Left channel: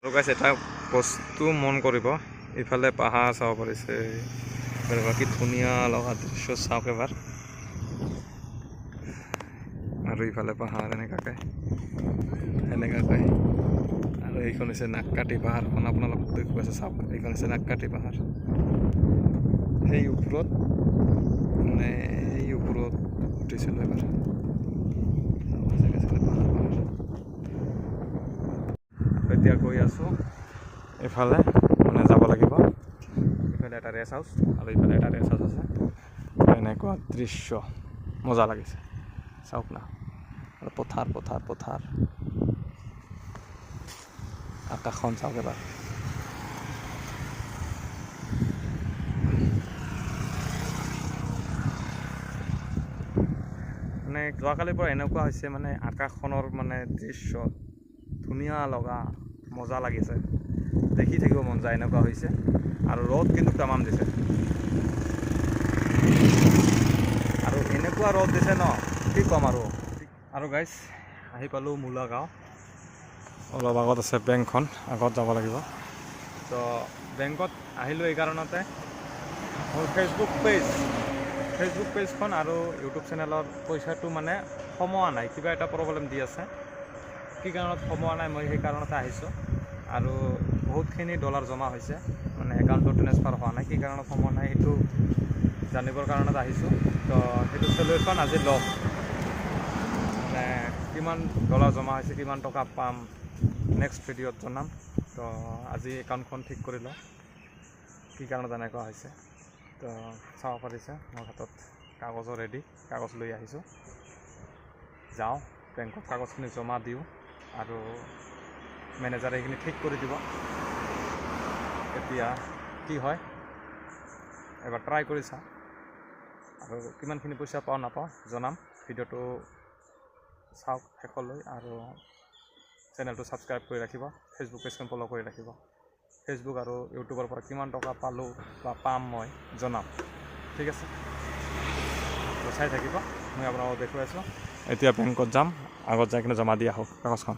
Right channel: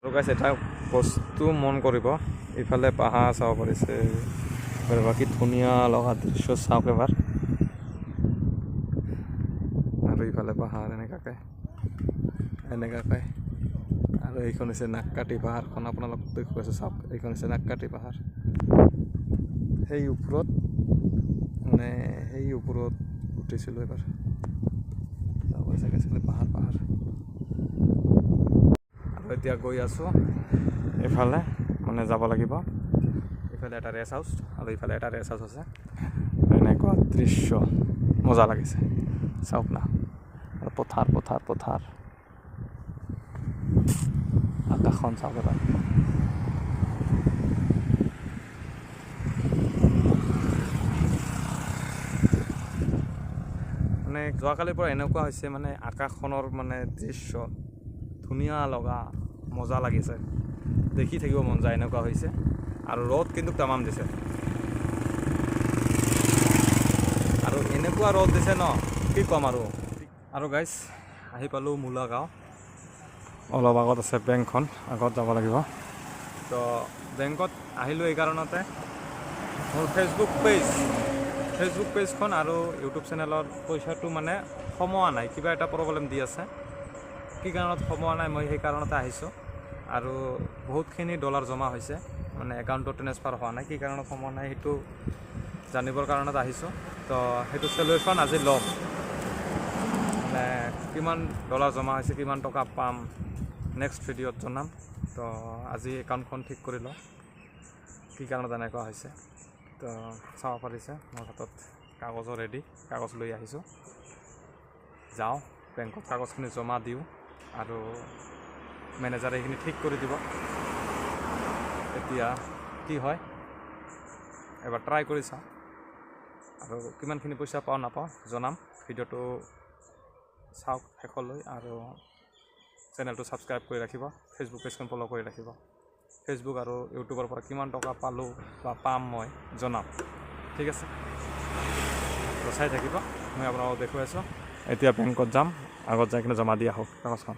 আৰু গাইছ এটা বস্তু মন কৰিব, ইফালে পাহাৰ চাব পাৰিছে, কি ধুনীয়া লগা দৃশ্য চাওক এবাৰ। আৰু ইফালে পাহাৰ এনেকুৱাকৈ আৰু এইখন হৈছে নাককাটি পাহাৰখন, আপোনালোক দেখুৱাইছে চাওক। এইখন হৈছে নাককাটি পাহাৰ। সেই ওপৰত উঠিছিলোঁ এবাৰ। পাহাৰ আৰু এতিয়া গৈ আছোঁ এইফালে, যাব লাগিব। ইফালে এটা ৰেষ্ট হাউচ আৰু ইফালে এটা ৰেষ্ট হাউচ আছে। এনেকুৱা দৃশ্য মজা লাগিছে চাওক না। আৰু পথাৰ আকাশখন চাওক এবাৰ। যোৱাকালিৰ পৰা এনেকুৱা হৈছে আকাশখনৰ দৃশ্য ধুনীয়া লগা, মজা লাগিছে, দেখি থাকিব মন যায়, এনেকুৱা হৈছে। আৰু ৰ'দ কিন্তু তামাম দিছে, আৰু এনেকুৱা ৰ'দ দিছে ন, কি ক'ম আৰু গাইজ আহি পালোঁ মূলা গাঁও। অলপ আগত আছে বেংকখন, আগত যাব লাগিব। তো বেংকত আহিলোঁ এই কাৰণতে, মোৰ ফেচবুক পেজখন আৰু ইউটিউব চেনেলৰ পইচাটো সোমোৱা নাই, কিবা এটা প্ৰব্লেম দি আছে। কি কাৰণত সোমোৱা নাই মই সেই কাৰণতে আহিছোঁ। আৰু বহুতখিনি ডলাৰ জমা হৈছে, একাউণ্টত ট্ৰেন্সফাৰ হোৱা নাই। কি কাৰণত সোমোৱা নাই সেইটো জানিবৰ কাৰণত আহিছোঁ। তো সেইটো চলিউশ্যন আজি ল'ম, কিমান ডলাৰ জমা হৈছে, কিমান টকা পাম, নেক্সট ভিডিঅ'ত জনাম। তো আজি একাউণ্টখন ঠিক কৰি লওঁ, কি কাৰণত এনেকুৱা হৈছে। তো চাব পাৰিছে মোৰ হাতত কাগজো ৰেডি, কাগজ লৈ আহিছোঁ। যাওঁ বেংকত, কাগজখিনি জমা দিওঁ আৰু মেনেজাৰে এইখিনি ঠিক কৰি দিব। এতিয়া কি হয় এবাৰ ট্ৰাই কৰি চাওঁ, আৰু কিমানখিনি পইচা পাওঁ নাপাওঁ জনাম। ভিডিঅ'টো চাওক শেষলৈ, আৰু চেনেলটো ছাবস্ক্ৰাইব কৰি ৰাখিব, ফেচবুক পেজখন ফ'ল' কৰি ৰাখিব। ফেচবুক আৰু ইউটিউবৰ পৰা কিমান টকা পালোঁ বা পাম মই জনাম, ঠিক আছে। তো চাই থাকিব, মই আপোনালোকক দেখুৱাই আছোঁ। এতিয়া বেংকত যাম, আগত যাই কিনে জমা দি আহোঁ কাগজখন।